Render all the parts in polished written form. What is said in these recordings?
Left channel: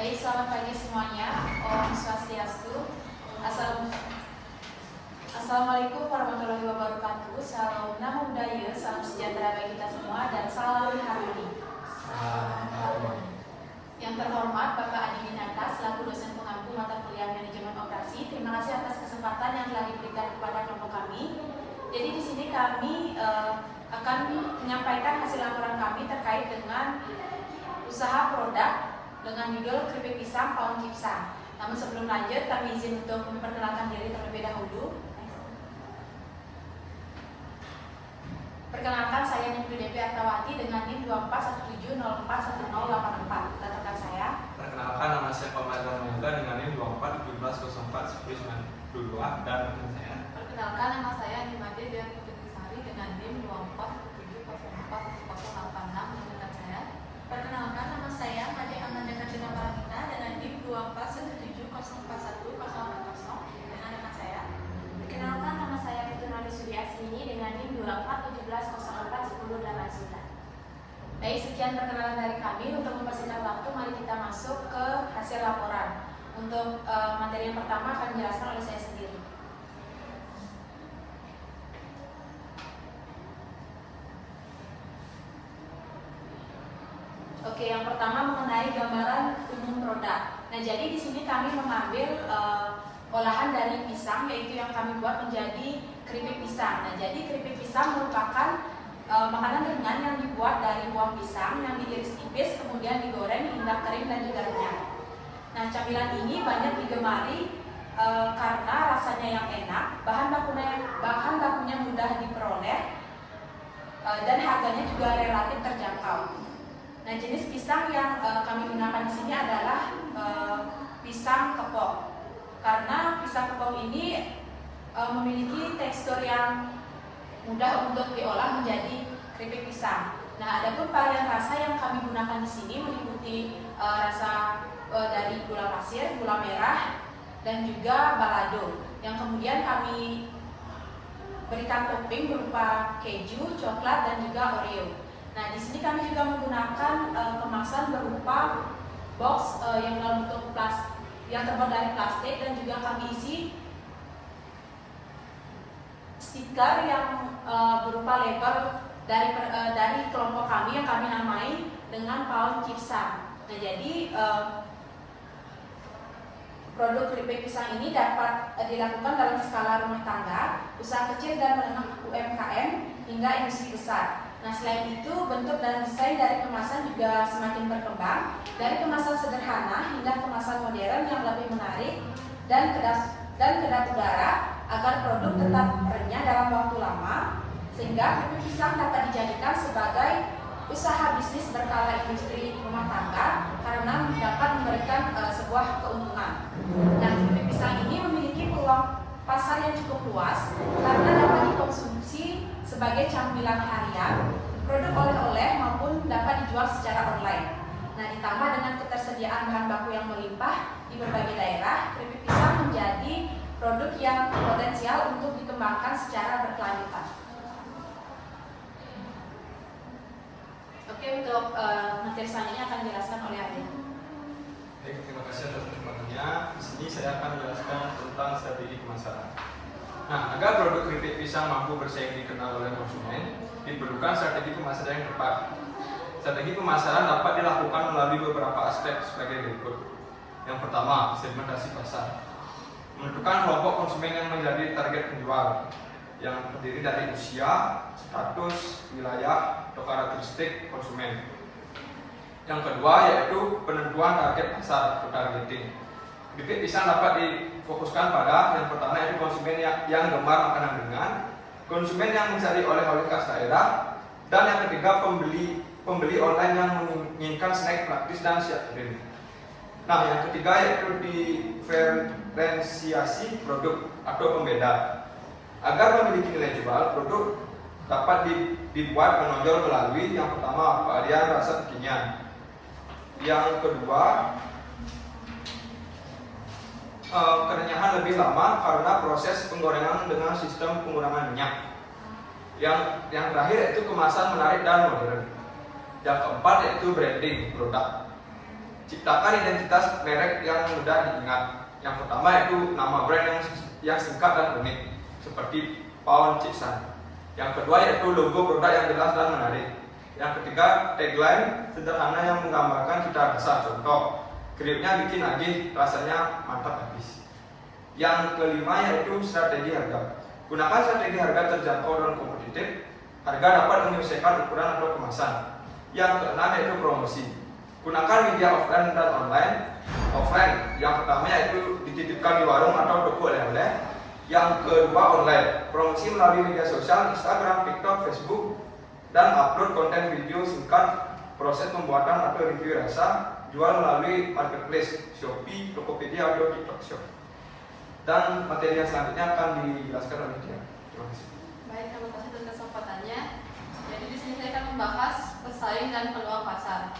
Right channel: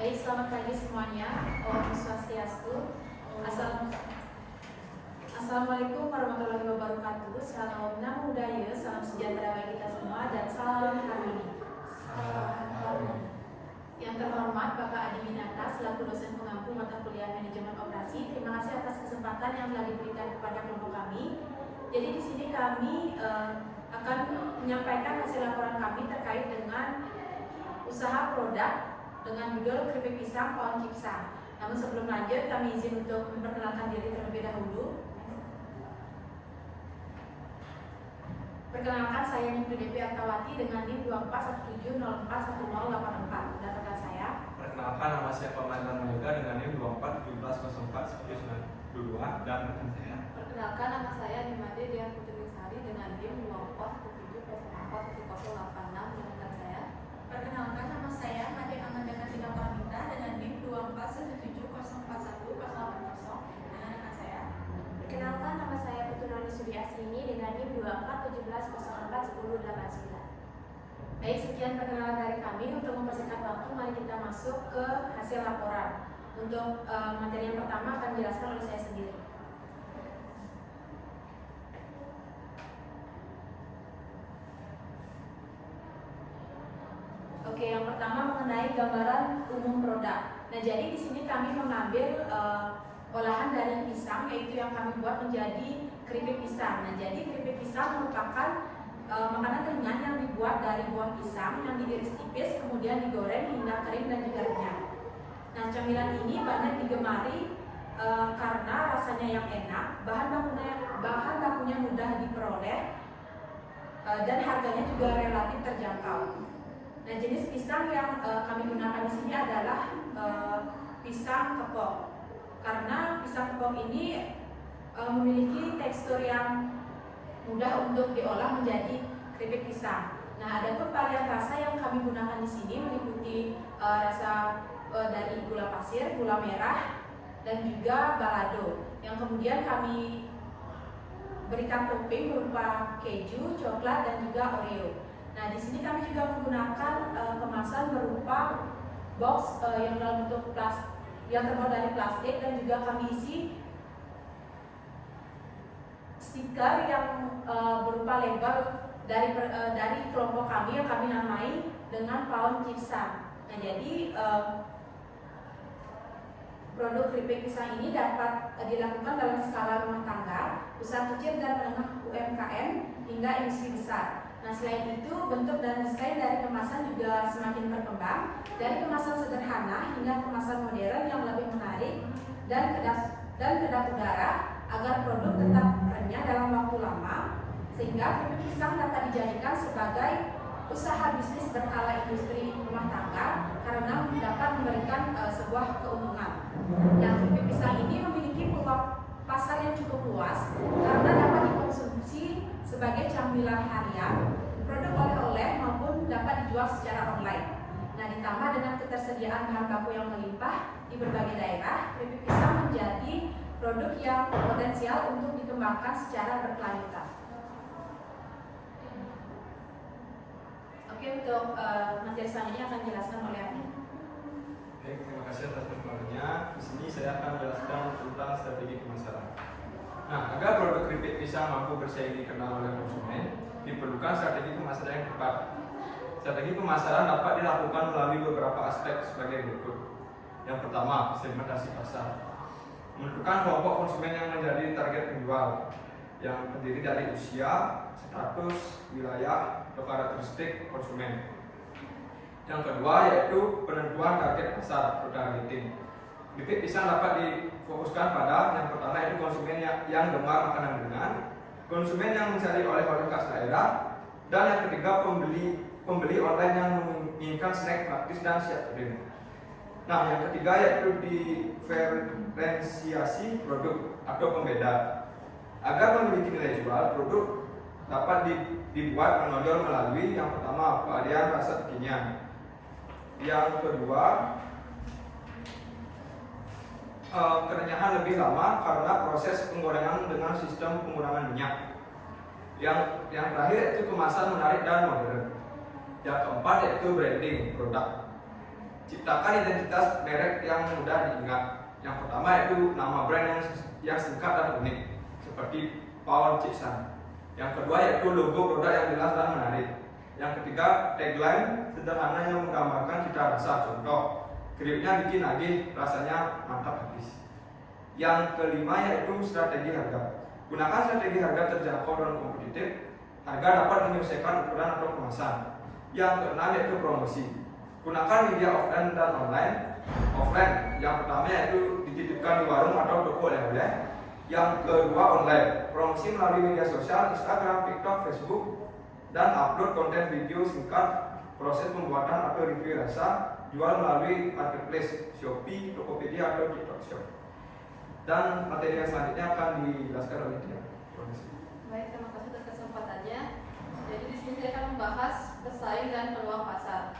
Baik, selamat pagi semuanya. Om Swastiastu. Assalamualaikum warahmatullahi wabarakatuh. Salam Namo Buddhaya, salam sejahtera bagi kita semua, dan salam harmoni. Yang terhormat Bapak Adi Winata selaku dosen pengampu mata kuliah manajemen operasi. Terima kasih atas kesempatan yang telah diberikan kepada kelompok kami. Jadi di sini kami akan menyampaikan hasil laporan kami terkait dengan usaha produk dengan judul keripik pisang Paon Cipsa. Namun sebelum lanjut, kami izin untuk memperkenalkan diri terlebih dahulu. Perkenalkan, saya Ningru Devi Artawati dengan NIM 2417041084. Rekan saya. Perkenalkan, nama saya Komandan Yoga dengan NIM 2417041042 dan rekan saya. Perkenalkan, nama saya Nimade Dian Putri Sari dengan NIM 2417041086 dan rekan saya. Perkenalkan, nama saya Made Amanda Kartika Paramita dengan NIM 2417041080 dengan rekan saya. Perkenalkan, nama saya Putu Noli Sudi Asmini dengan NIM 2417041049. Baik, sekian perkenalan dari kami. Untuk mempersingkat waktu, mari kita masuk ke hasil laporan. Untuk materi yang pertama akan dijelaskan oleh saya sendiri. Oke, yang pertama mengenai gambaran umum produk. Nah, jadi di sini kami mengambil olahan dari pisang, yaitu yang kami buat menjadi keripik pisang. Nah, jadi keripik pisang merupakan makanan ringan yang dibuat dari buah pisang yang diiris tipis, kemudian digoreng hingga kering dan juga renyah. Nah, camilan ini banyak digemari karena rasanya yang enak, bahan bakunya mudah diperoleh, dan harganya juga relatif terjangkau. Nah, jenis pisang yang kami gunakan di sini adalah pisang kepok. Karena pisang kepok ini memiliki tekstur yang mudah untuk diolah menjadi keripik pisang. Nah, adapun varian rasa yang kami gunakan di sini meliputi rasa dari gula pasir, gula merah, dan juga balado. Yang kemudian kami berikan topping berupa keju, coklat, dan juga Oreo. Nah, di sini kami juga menggunakan kemasan berupa box yang dalam bentuk plastik, yang terbuat dari plastik, dan juga kami isi stiker yang berupa label dari kelompok kami yang kami namai dengan Paon Cipsa. Nah, jadi produk keripik pisang ini dapat dilakukan dalam skala rumah tangga, usaha kecil dan menengah UMKM hingga industri besar. Nah, selain itu, bentuk dan desain dari kemasan juga semakin berkembang, dari kemasan sederhana hingga kemasan modern yang lebih menarik dan kedap udara agar produk tetap renyah dalam waktu lama, sehingga keripik pisang dapat dijadikan sebagai usaha bisnis berskala industri rumah tangga karena dapat memberikan sebuah keuntungan. Nah, keripik pisang ini memiliki peluang pasar yang cukup luas karena dapat dikonsumsi sebagai camilan harian, produk oleh-oleh maupun dapat dijual secara online. Nah, ditambah dengan ketersediaan bahan baku yang melimpah di berbagai daerah, keripik pisang menjadi produk yang potensial untuk dikembangkan secara berkelanjutan. Oke, untuk materi selanjutnya akan dijelaskan oleh Adit. Baik, terima kasih atas kesempatannya. Di sini saya akan menjelaskan tentang strategi pemasaran. Nah, agar produk keripik pisang mampu bersaing dikenal oleh konsumen, diperlukan strategi pemasaran yang tepat. Strategi pemasaran dapat dilakukan melalui beberapa aspek sebagai berikut. Yang pertama, segmentasi pasar. Menentukan kelompok konsumen yang menjadi target penjual, yang terdiri dari usia, status, wilayah, atau karakteristik konsumen. Yang kedua yaitu penentuan target pasar atau targeting. Keripik pisang dapat difokuskan pada yang pertama yaitu konsumen yang gemar makanan ringan, konsumen yang mencari oleh-oleh khas daerah, dan yang ketiga pembeli online yang menginginkan snack praktis dan siap kering. Nah, yang ketiga yaitu diferensiasi produk atau pembeda. Agar memiliki nilai jual, produk dapat dibuat menonjol melalui yang pertama varian rasa kekinian. Yang kedua, kerenyahan lebih lama karena proses penggorengan dengan sistem pengurangan minyak. Yang terakhir yaitu kemasan menarik dan modern. Yang keempat yaitu branding produk. Ciptakan identitas merek yang mudah diingat. Yang pertama yaitu nama brand yang singkat dan unik, seperti Pound Cipsan. Yang kedua yaitu logo produk yang jelas dan menarik. Yang ketiga, tagline sederhana yang menggambarkan cita rasa. Contoh, gripnya bikin nagih, rasanya mantap habis. Yang kelima yaitu strategi harga. Gunakan strategi harga terjangkau dan kompetitif. Harga dapat menyesuaikan ukuran atau kemasan. Yang keenam yaitu promosi. Gunakan media offline dan online. Offline, yang pertama yaitu dititipkan di warung atau toko oleh-oleh. Yang kedua online, promosi melalui media sosial, Instagram, TikTok, Facebook, dan upload konten video singkat. Proses pembuatan atau review rasa, jual melalui marketplace, Shopee, Tokopedia, atau TikTok Shop. Dan materi yang selanjutnya akan dijelaskan oleh dia. Terima kasih. Baik, terima kasih atas kesempatannya. Jadi di sini saya akan membahas pesaing dan peluang pasar.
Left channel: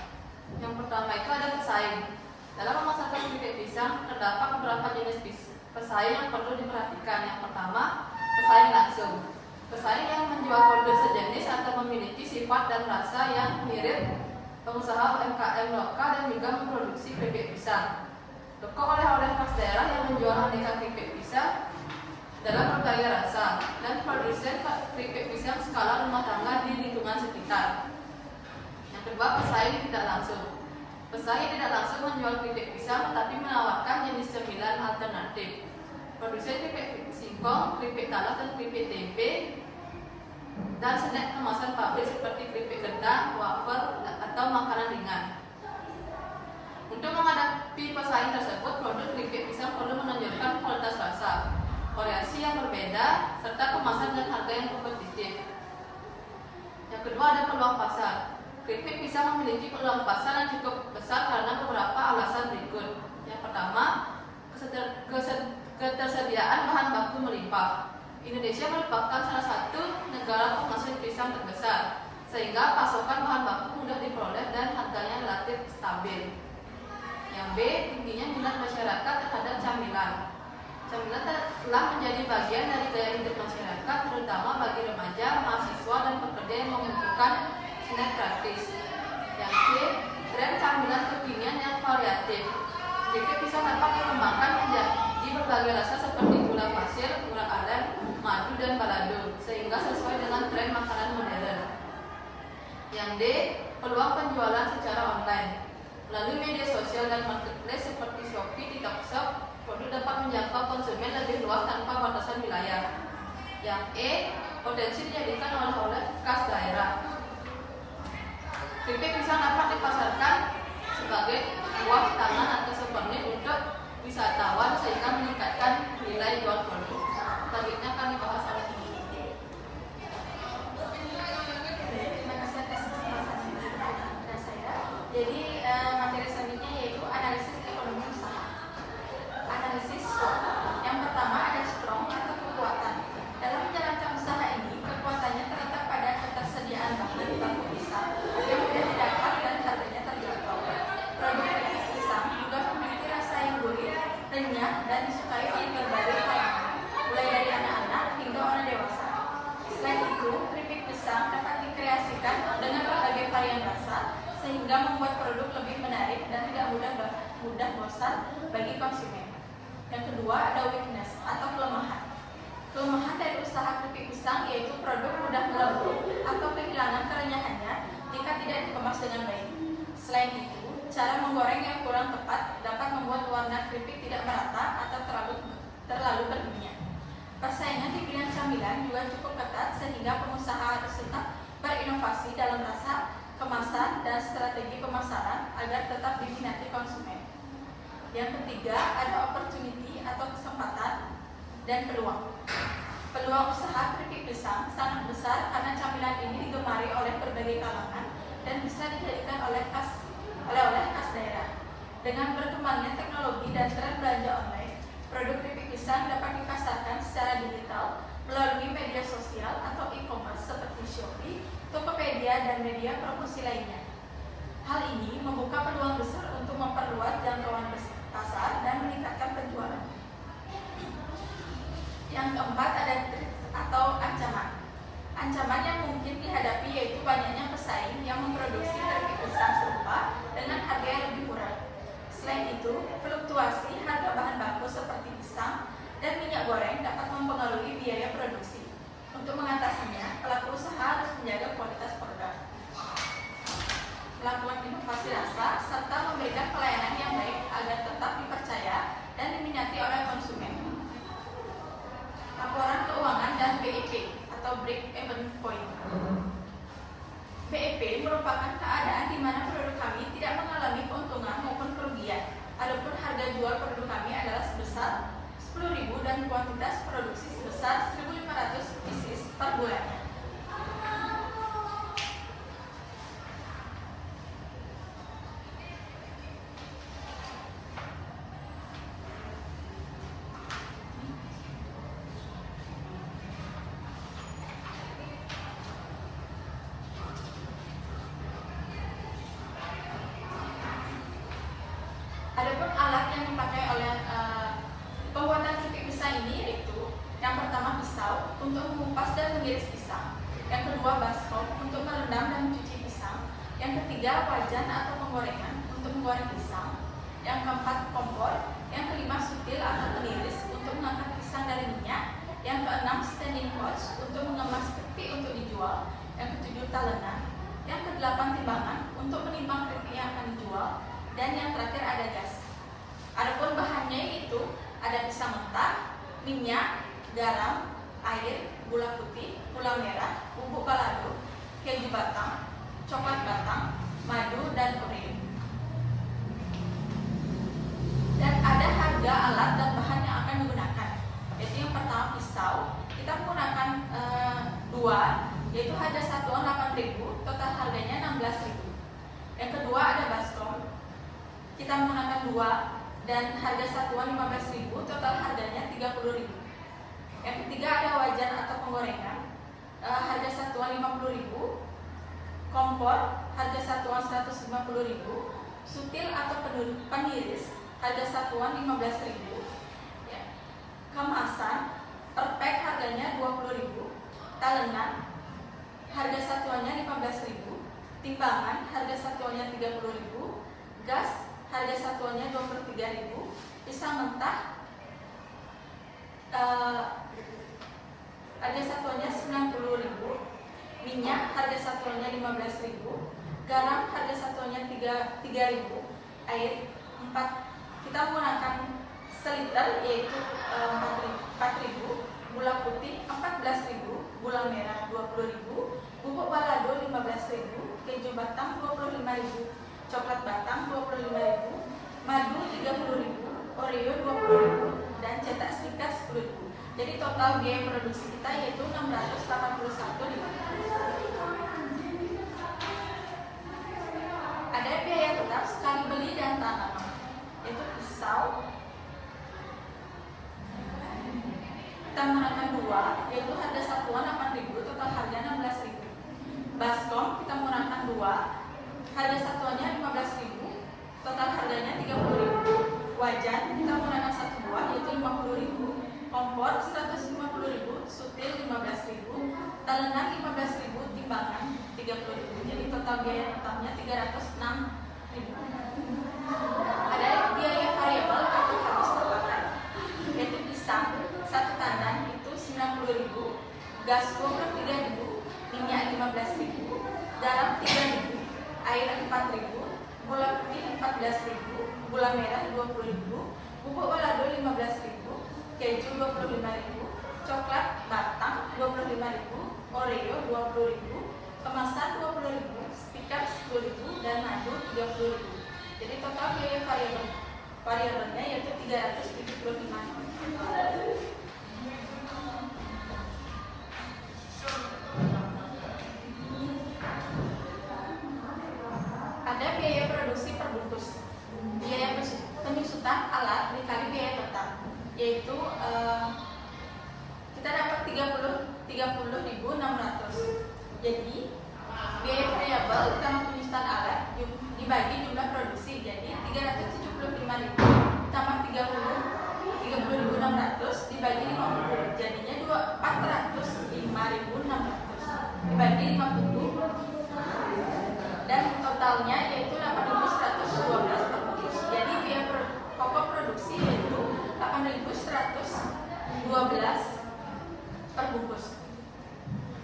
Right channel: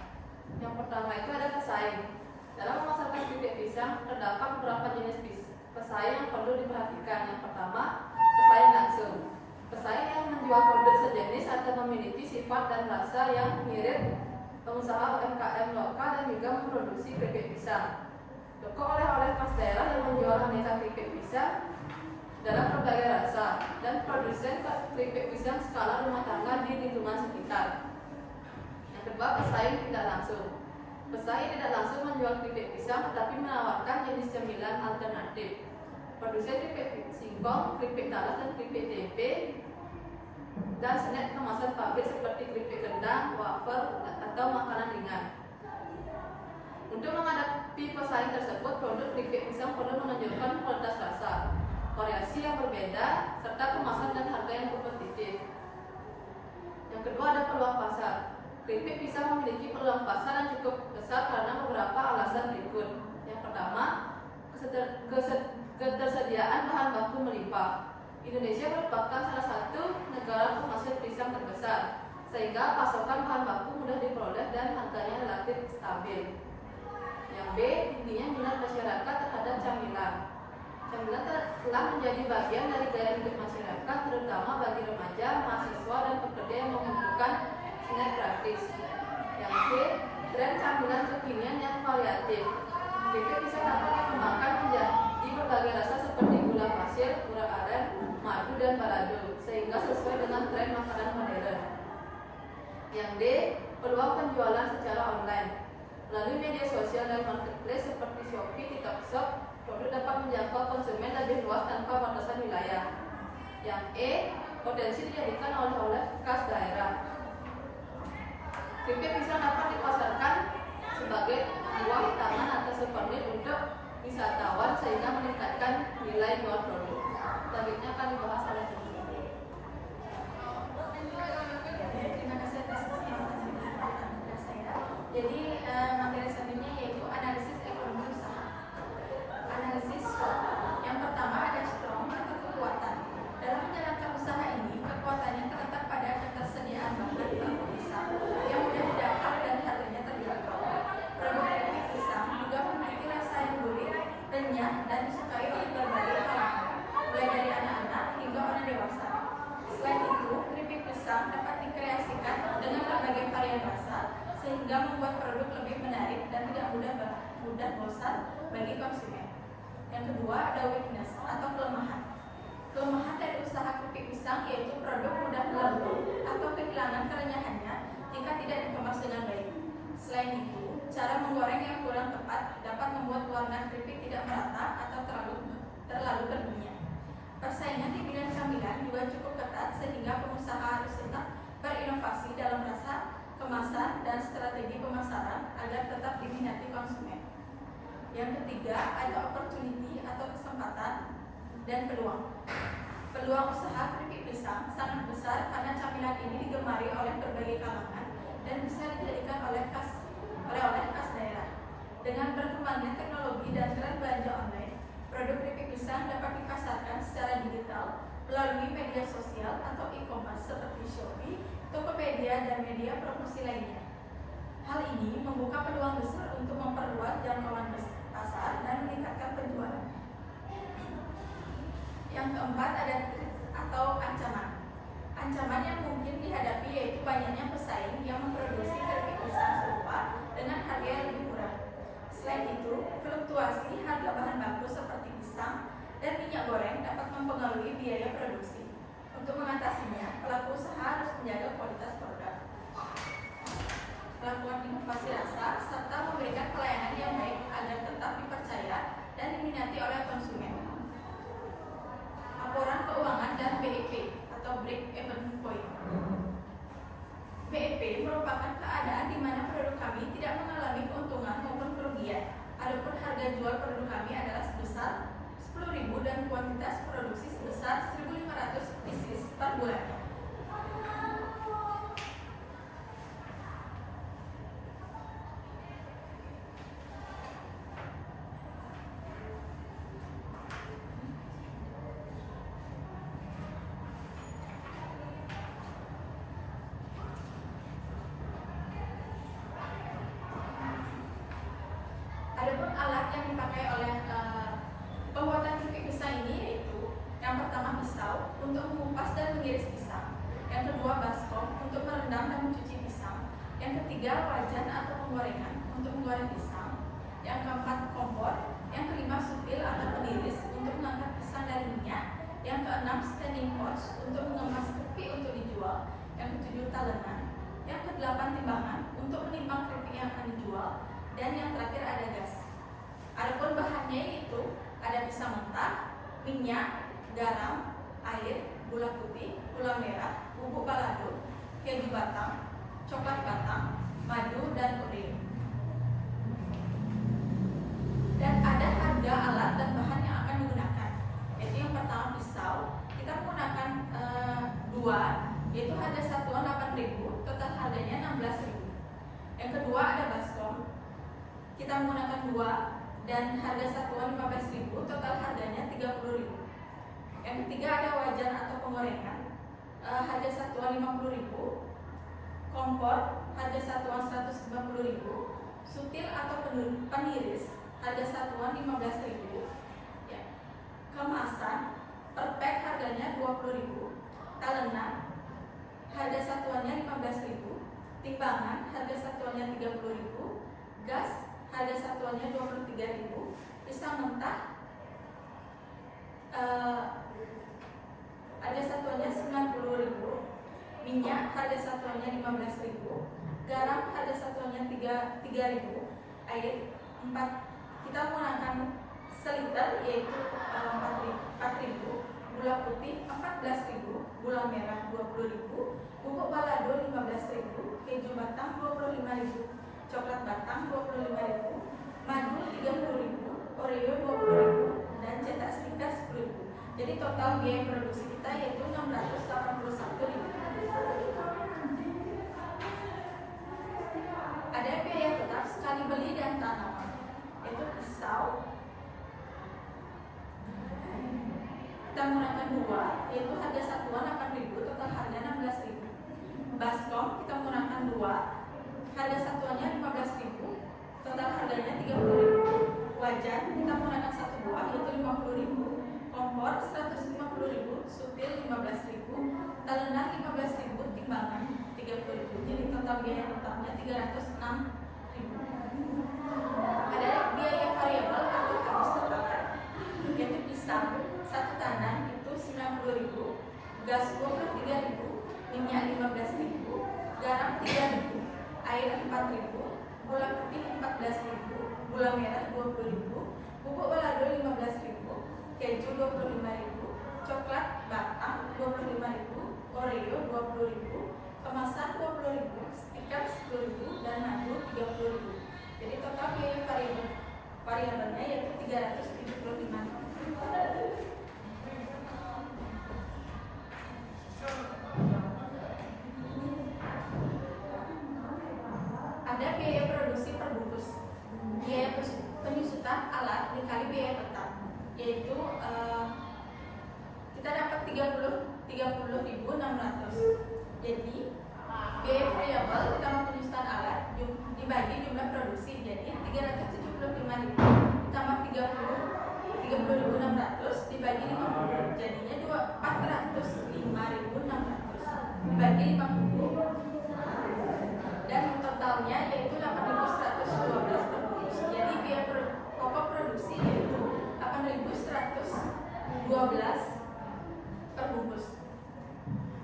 Yang pertama itu ada pesaing. Dalam memasarkan keripik pisang terdapat beberapa jenis pesaing yang perlu diperhatikan. Yang pertama, pesaing langsung. Pesaing yang menjual produk sejenis atau memiliki sifat dan rasa yang mirip pengusaha UMKM lokal dan juga memproduksi keripik pisang. Toko oleh-oleh khas daerah yang menjual aneka keripik pisang dalam berbagai rasa dan produsen keripik pisang skala rumah tangga di lingkungan sekitar. Yang kedua, pesaing tidak langsung. Pesaing tidak langsung menjual keripik pisang tetapi menawarkan jenis cemilan alternatif. Produsen keripik singkong, keripik talas dan keripik tempe dan snack kemasan pabrik seperti keripik kentang, wafer atau makanan ringan. Untuk menghadapi pesaing tersebut, produk keripik pisang perlu menunjukkan kualitas rasa, variasi yang berbeda, serta kemasan dan harga yang kompetitif. Yang kedua ada peluang pasar. Keripik pisang memiliki peluang pasar yang cukup besar karena beberapa alasan berikut. Yang pertama, ketersediaan bahan baku melimpah. Indonesia merupakan salah satu negara penghasil pisang terbesar, sehingga pasokan bahan baku mudah diperoleh dan harganya relatif stabil. Yang B, tingginya minat masyarakat terhadap camilan. Camilan telah menjadi bagian dari gaya hidup masyarakat, terutama bagi remaja, mahasiswa, dan pekerja yang membutuhkan snack praktis. Yang C, tren camilan kekinian yang variatif. Keripik pisang dapat dikembangkan menjadi berbagai rasa seperti gula pasir, gula aren, madu, dan balado, sehingga sesuai dengan tren makanan modern. Yang D, peluang penjualan secara online. Melalui media sosial dan marketplace seperti Shopee, TikTok Shop, produk dapat menjangkau konsumen lebih luas tanpa batasan wilayah. Yang E, potensi dijadikan oleh-oleh khas daerah. Keripik pisang dapat dipasarkan sebagai buah tangan atau souvenir untuk wisatawan sehingga meningkatkan nilai jual produk. Selanjutnya akan dibahas oleh Ibu. Terima kasih atas kesempatan kepada saya. Jadi materi selanjutnya yaitu analisis ekonomi usaha. Analisis SWOT. Yang pertama ada strong atau kekuatan. Dalam menjalankan usaha ini, kekuatannya terletak pada ketersediaan bahan baku pisang yang mudah didapat dan harganya terjangkau. Produk keripik pisang juga memiliki rasa yang gurih, renyah, dan disukai oleh berbagai kalangan, mulai dari anak-anak hingga orang dewasa. Selain itu, keripik pisang dapat dikreasikan dengan berbagai varian rasa sehingga membuat produk lebih menarik dan tidak mudah bosan bagi konsumen. Yang kedua ada weakness atau kelemahan. Kelemahan dari usaha keripik pisang yaitu produk mudah melembung atau kehilangan kerenyahannya jika tidak dikemas dengan baik. Selain itu, cara menggoreng yang kurang tepat dapat membuat warna keripik tidak merata atau terlalu berminyak. Persaingan di bidang camilan juga cukup ketat sehingga pengusaha harus tetap berinovasi dalam rasa, kemasan, dan strategi pemasaran agar tetap diminati konsumen. Yang ketiga ada opportunity atau kesempatan dan peluang. Peluang usaha keripik pisang sangat besar karena camilan ini digemari oleh berbagai kalangan dan bisa dijadikan oleh-oleh khas daerah. Dengan berkembangnya teknologi dan tren belanja online, produk keripik pisang dapat dipasarkan secara digital melalui media sosial atau e-commerce seperti Shopee, Tokopedia, dan media promosi lainnya. Hal ini membuka peluang besar untuk memperluas jangkauan pasar dan meningkatkan penjualan. Yang keempat ada threat atau ancaman. Ancaman yang mungkin dihadapi yaitu banyaknya pesaing yang memproduksi keripik pisang serupa dengan harga yang lebih murah. inovasi rasa, serta memberikan pelayanan yang baik agar tetap dipercaya dan diminati oleh konsumen. Laporan keuangan dan BEP atau Break Even Point. BEP merupakan keadaan di mana produk kami tidak mengalami keuntungan maupun kerugian. Adapun harga jual produk kami adalah sebesar 10.000 dan kuantitas produksi sebesar 1.500 pieces per bulannya. Adapun alat yang dipakai oleh pembuatan keripik pisang ini yaitu yang pertama pisau untuk mengupas dan mengiris pisang, yang kedua baskom untuk merendam dan mencuci pisang, yang ketiga wajan atau penggorengan untuk menggoreng pisang, yang keempat kompor, yang kelima sutil atau peniris untuk mengangkat pisang dari minyak, yang keenam standing pouch untuk mengemas keripik untuk dijual, yang ketujuh talenan, yang kedelapan timbangan untuk menimbang keripik yang akan dijual, dan yang terakhir ada gas. Adapun bahannya yaitu ada pisang mentah, minyak, garam, air, gula putih, gula merah, bubuk balado, keju batang, coklat batang, madu, dan Oreo. Dan ada harga alat dan bahan yang akan digunakan, yaitu yang pertama pisau, kita menggunakan dua, yaitu harga satuan 8.000, total harganya 16.000. Yang kedua ada baskom, kita menggunakan dua dan harga satuan 15.000, total harganya 30.000. Yang ketiga ada wajan atau penggorengan, harga satuan 50.000, kompor harga satuan 150.000, sutil atau peniris harga satuan 15.000, ya. Kemasan per pack harganya 20.000, talenan harga satuannya 15.000, timbangan harga satuannya 30.000, gas harga satuannya 23.000, pisang mentah harga satuannya 90.000, minyak harga satuannya 15.000, garam harga satuannya 3.000, air 4, kita menggunakan seliter yaitu 4.000, gula putih 14.000, gula merah 20.000, bubuk balado 15.000, keju batang 25.000, coklat batang 25.000, madu 30.000, Oreo 20.000, dan cetak stiker 10.000. Jadi total biaya produksi kita yaitu 681.000. Ada biaya tetap sekali beli dan tanaman, yaitu pisau kita menggunakan dua, yaitu harga satuan 8.000, total harga 16.000. Baskom kita menggunakan dua, harga satuannya 15.000, total harganya 30.000. Wajan kita menggunakan satu buah yaitu 50.000, kompor 150.000, sutil 15.000, talenan 15.000, timbangan 30.000. Jadi total biaya tetapnya 306.000. Ada biaya variabel atau habis terpakai, yaitu pisang satu tandan itu 90.000, gas 23.000, minyak 15.000, garam 3.000, air 4.000, gula putih 14.000, gula merah 20.000, bubuk balado 15.000, keju 25.000, coklat batang 25.000, Oreo 20.000, kemasan 20.000, stiker 10.000, dan madu 30.000. Jadi total biaya variabelnya yaitu 375. Ada biaya produksi per bungkus, biaya penyusutan alat dikali biaya tetap, yaitu kita dapat 30.600. Jadi biaya variabel ditambah penyusutan alat dibagi jumlah produksi, jadi 375.000 ditambah 30.600 dibagi 50, jadinya 405.600 dibagi 50, dan totalnya yaitu 8.112 per bungkus. Jadi biaya pokok produksi yaitu 8.112 per bungkus.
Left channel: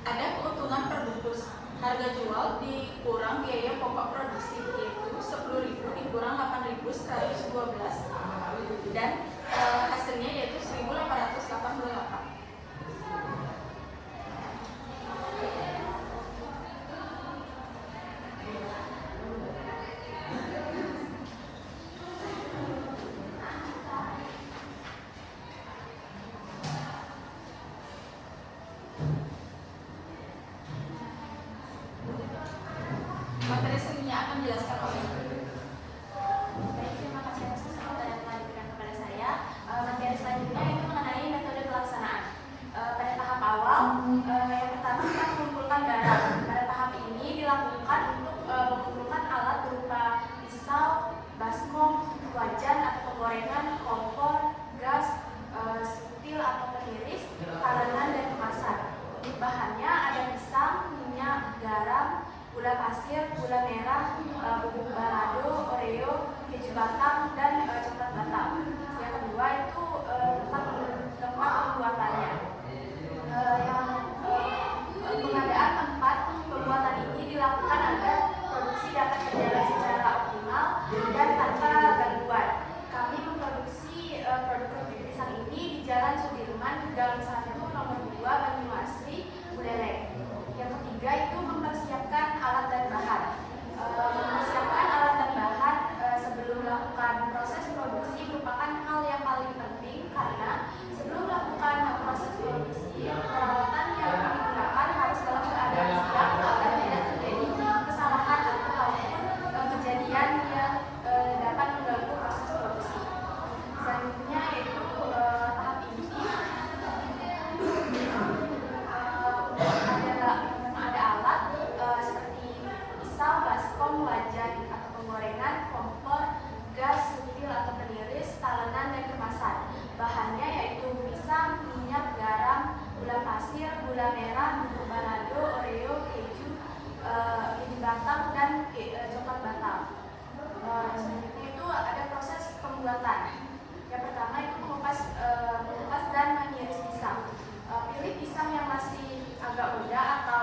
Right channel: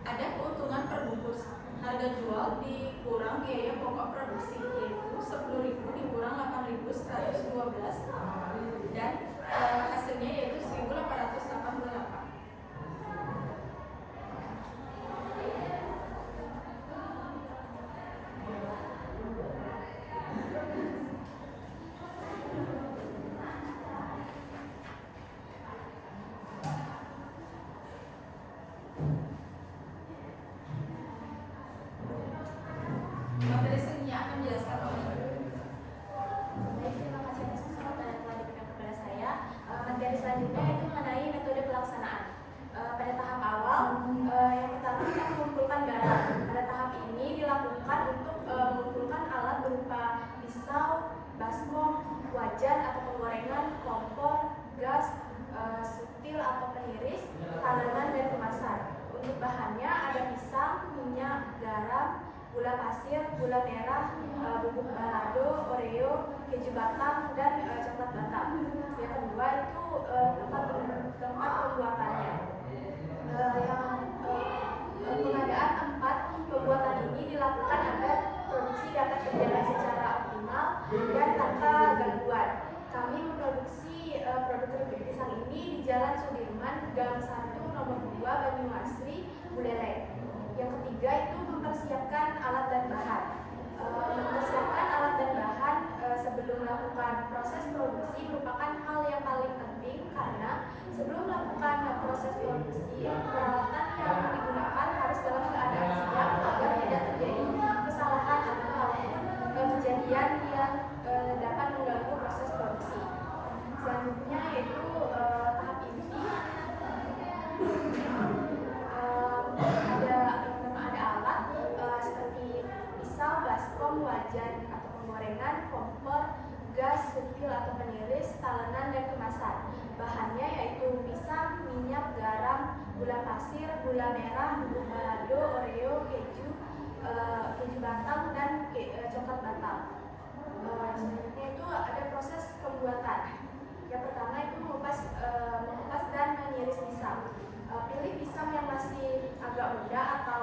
Ada keuntungan per bungkus, harga jual dikurang biaya pokok produksi, yaitu 10.000 dikurang 8.112 dan hasilnya yaitu 1.888. Materi selanjutnya akan menjelaskan oleh Baik, terima kasih atas kesempatan yang telah diberikan kepada saya. Materi selanjutnya itu mengenai metode pelaksanaan. Pada tahap awal, yang pertama kita mengumpulkan garam. Pada tahap ini dilakukan untuk mengumpulkan alat berupa pisau, baskom, wajan atau penggorengan, kompor, gas, sutil atau peniris, talenan dan kemasan. Untuk bahannya ada pisang, minyak, garam, gula pasir, gula merah, bubuk balado, oreo, keju batang, dan coklat batang. Yang kedua itu tempat pembuatannya. Pengadaan tempat pembuatan ini dilakukan agar produksi dapat berjalan secara optimal dan tanpa gangguan. Kami memproduksi produk keripik pisang ini di Jalan Sudirman, Gang 1, Nomor 2, Banyuasri, Buleleng. Yang ketiga itu mempersiapkan alat dan bahan. Mempersiapkan alat dan bahan sebelum melakukan proses produksi merupakan hal yang paling penting karena sebelum melakukan proses produksi, peralatan yang digunakan harus dalam keadaan siap agar tidak terjadi kesalahan ataupun kejadian yang dapat mengganggu proses produksi. Selanjutnya yaitu tahap ini ada alat seperti pisau, baskom, wajan atau penggorengan, kompor, gas, sutil atau peniris, talenan dan kemasan. Bahannya yaitu pisang, minyak, garam, gula pasir, gula merah, bubuk balado, oreo, keju batang dan coklat batang. Selanjutnya itu ada proses pembuatan. Yang pertama itu mengupas dan mengiris pisang. Pilih pisang yang masih agak muda atau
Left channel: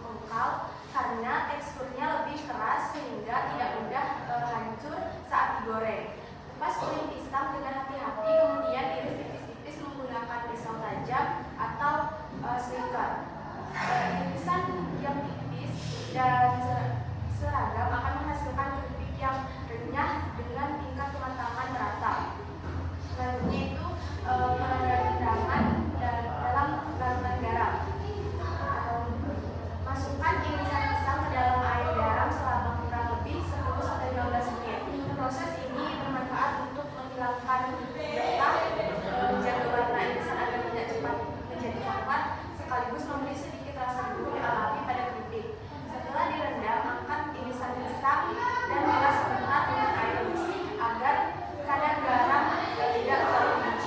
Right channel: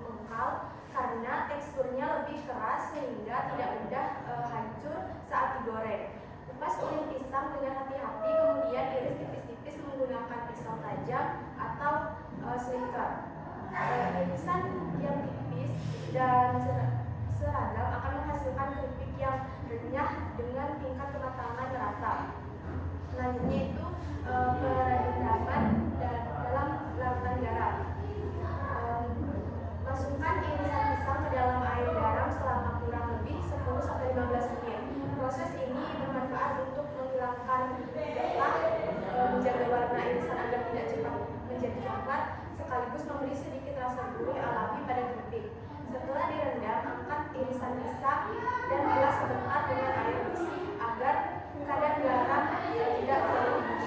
mengkal karena teksturnya lebih keras sehingga tidak mudah hancur saat digoreng. Kupas kulit pisang dengan hati-hati, kemudian iris tipis-tipis menggunakan pisau tajam atau slicer. Irisan yang tipis dan seragam akan menghasilkan keripik yang renyah dengan tingkat kematangan merata. Selanjutnya itu perendaman dalam larutan garam. Masukkan irisan pisang ke dalam air garam selama kurang lebih 10-15 menit. Proses ini bermanfaat untuk menghilangkan getah, menjaga warna irisan agar tidak cepat menjadi coklat, sekaligus memberi sedikit rasa gurih alami pada keripik. Setelah direndam, angkat irisan pisang dan bilas sebentar dengan air bersih agar kadar garam tidak terlalu tinggi.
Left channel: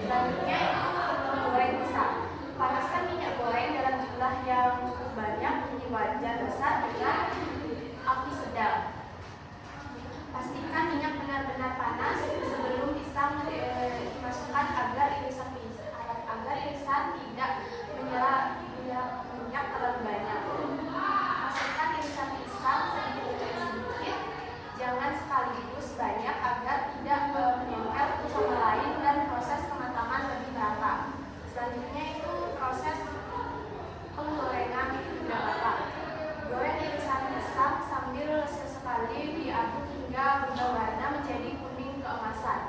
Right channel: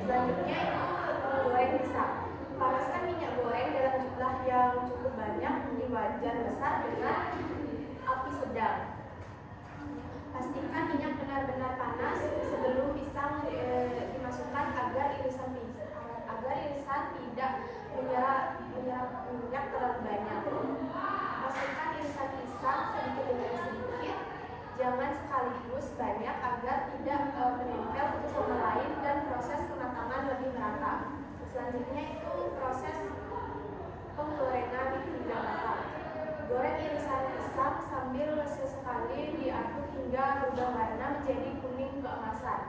Selanjutnya itu menggoreng pisang. Panaskan minyak goreng dalam jumlah yang cukup banyak di wajan besar dengan api sedang. Pastikan minyak benar-benar panas sebelum pisang dimasukkan agar irisan tidak menyerap minyak terlalu banyak. Masukkan irisan pisang sedikit demi sedikit, jangan sekaligus banyak agar tidak menempel satu sama lain dan proses kematangan lebih merata. Selanjutnya itu proses penggorengan hingga matang. Goreng irisan pisang sambil sesekali diaduk hingga berubah warna menjadi kuning keemasan.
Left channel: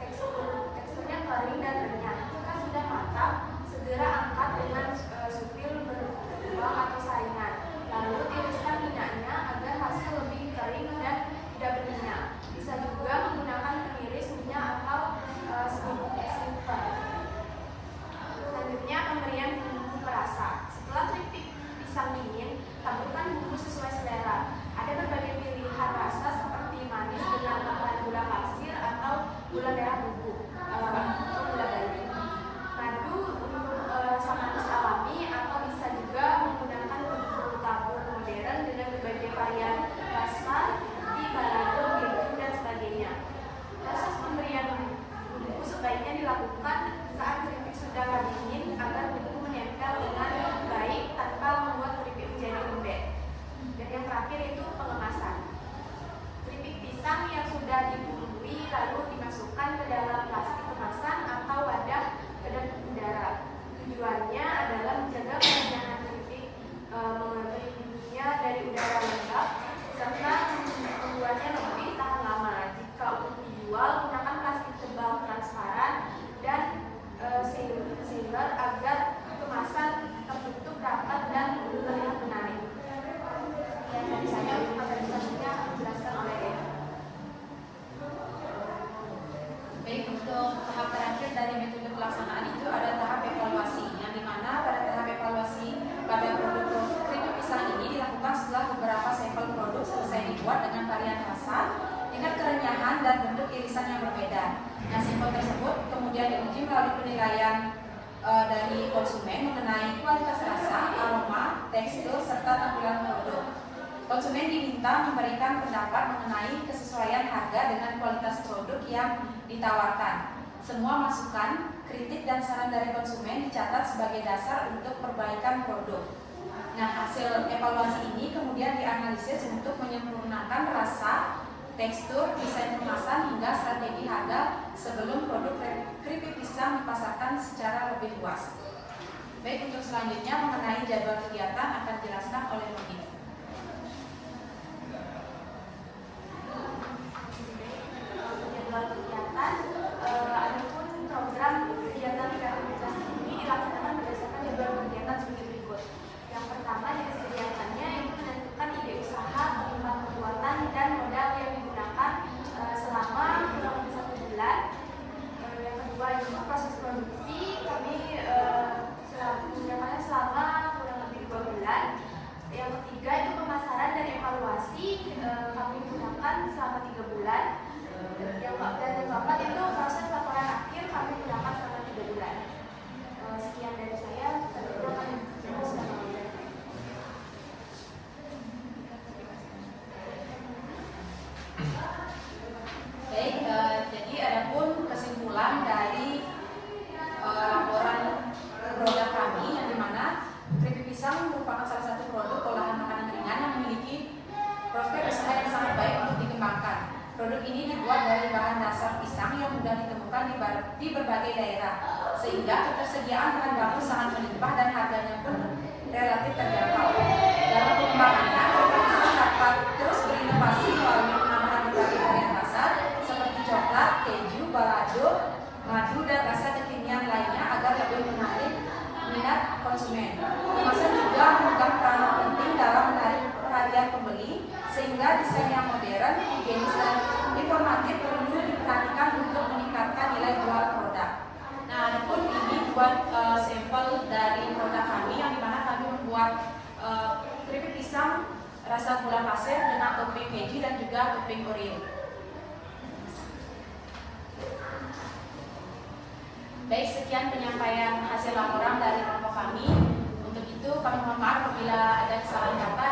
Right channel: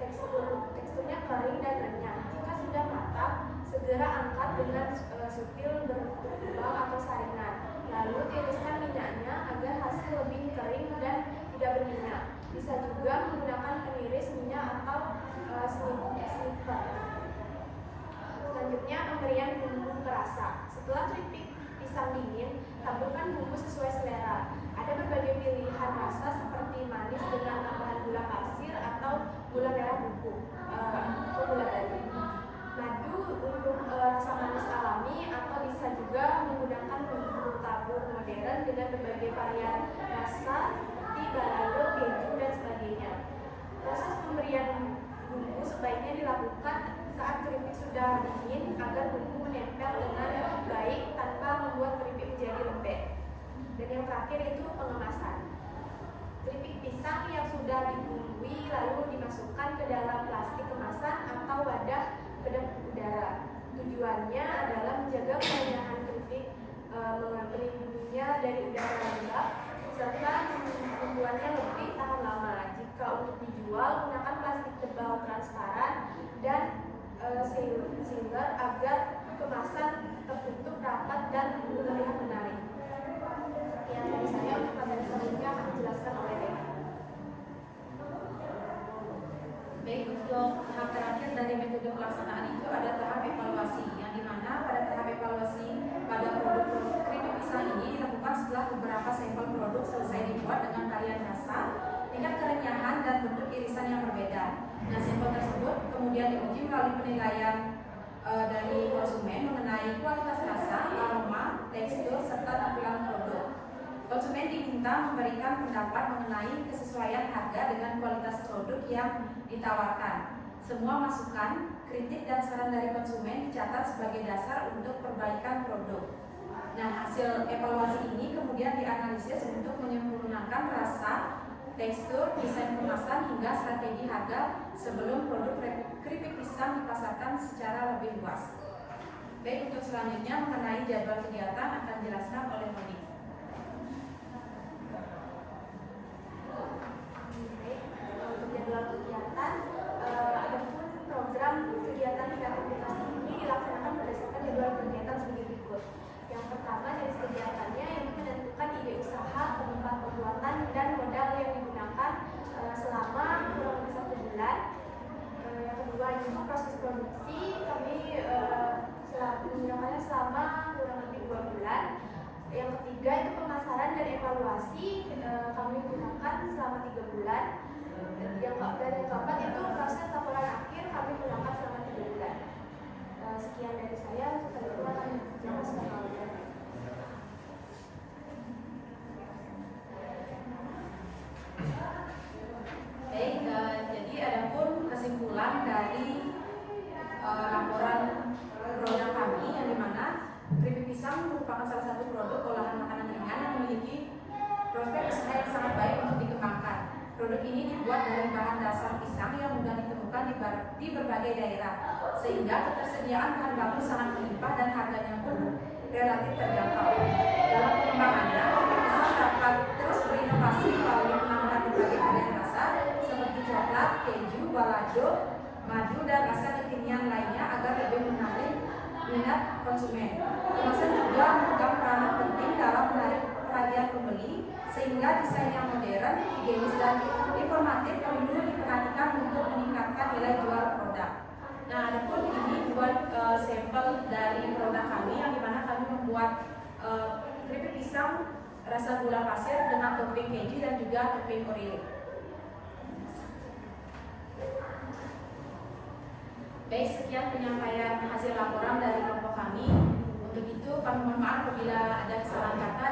Teksturnya kering dan renyah. Jika sudah matang, segera angkat dengan sutil berlubang atau saringan. Lalu tiriskan minyaknya agar hasil lebih kering dan tidak berminyak. Bisa juga menggunakan peniris minyak atau sniffer. Selanjutnya pemberian bumbu perasa. Setelah keripik pisang dingin, taburkan bumbu sesuai selera. Ada berbagai pilihan rasa seperti manis dengan tambahan gula pasir atau gula merah bubuk atau gula bali. Madu untuk rasa manis alami atau bisa juga menggunakan bumbu tabur modern dengan berbagai varian rasa seperti balado, keju dan sebagainya. lalu dimasukkan ke dalam plastik kemasan atau wadah kedap udara. Tujuannya adalah menjaga kerenyahan keripik, melindunginya dari udara lembab, serta membuatnya lebih tahan lama. Jika untuk dijual, gunakan plastik tebal transparan dan sealer agar kemasan tertutup rapat dan terlihat menarik. Yang dari saya, untuk materi selanjutnya akan dijelaskan oleh Eva. Baik, untuk tahap terakhir dari metode pelaksanaan itu ada tahap evaluasi, yang dimana pada tahap evaluasi pada produk keripik pisang ini dilakukan setelah beberapa sampel produk selesai dibuat dengan varian rasa, tingkat kerenyahan dan bentuk irisan yang berbeda. Nah, sampel tersebut kemudian diuji melalui penilaian dari konsumen mengenai kualitas rasa, aroma, tekstur, serta tampilan produk. Konsumen diminta memberikan pendapat mengenai kesesuaian harga dengan kualitas produk yang ditawarkan. Semua masukan, kritik, dan saran dari konsumen dicatat sebagai dasar untuk perbaikan produk. Nah, hasil evaluasi ini kemudian dianalisis untuk menyempurnakan rasa, tekstur, desain kemasan, hingga strategi harga sebelum produk keripik pisang dipasarkan secara lebih luas. Baik, untuk selanjutnya mengenai jadwal kegiatan akan dijelaskan oleh Robin. Untuk jadwal kegiatan, adapun program kegiatan kreativitas ini dilaksanakan berdasarkan jadwal kegiatan sebagai berikut. Yang pertama, jenis kegiatannya yaitu menentukan ide usaha, tempat pembuatan, dan modal yang digunakan selama kurang lebih 1 bulan. Yang kedua itu proses produksi, kami menggunakannya selama kurang lebih 2 bulan. Yang ketiga itu pemasaran dan evaluasi, kami gunakan selama 3 bulan. Dan yang keempat itu proses laporan akhir, kami gunakan selama 3 bulan. Sekian dari saya, selanjutnya akan dijelaskan oleh Baik, jadi adapun kesimpulan dari laporan produk kami, yang dimana keripik pisang merupakan salah satu produk olahan makanan ringan yang memiliki prospek usaha yang sangat baik untuk dikembangkan. Produk ini dibuat dari bahan dasar pisang yang mudah ditemukan di berbagai daerah, sehingga ketersediaan bahan baku sangat melimpah dan harganya pun relatif terjangkau. Dalam pengembangannya, keripik pisang dapat terus berinovasi melalui penambahan berbagai varian rasa seperti coklat, keju, balado, madu, dan rasa kekinian lainnya agar lebih menarik minat konsumen. Kemasan juga memegang peran penting dalam menarik perhatian pembeli, sehingga desain yang modern, higienis, dan informatif perlu diperhatikan untuk meningkatkan nilai jual produk. Nah, adapun ini dua sampel dari produk kami, yang dimana kami membuat keripik pisang rasa gula pasir dengan topping keju dan juga topping Oreo. Baik, sekian penyampaian hasil laporan dari kelompok kami. Untuk itu kami mohon maaf apabila ada kesalahan kata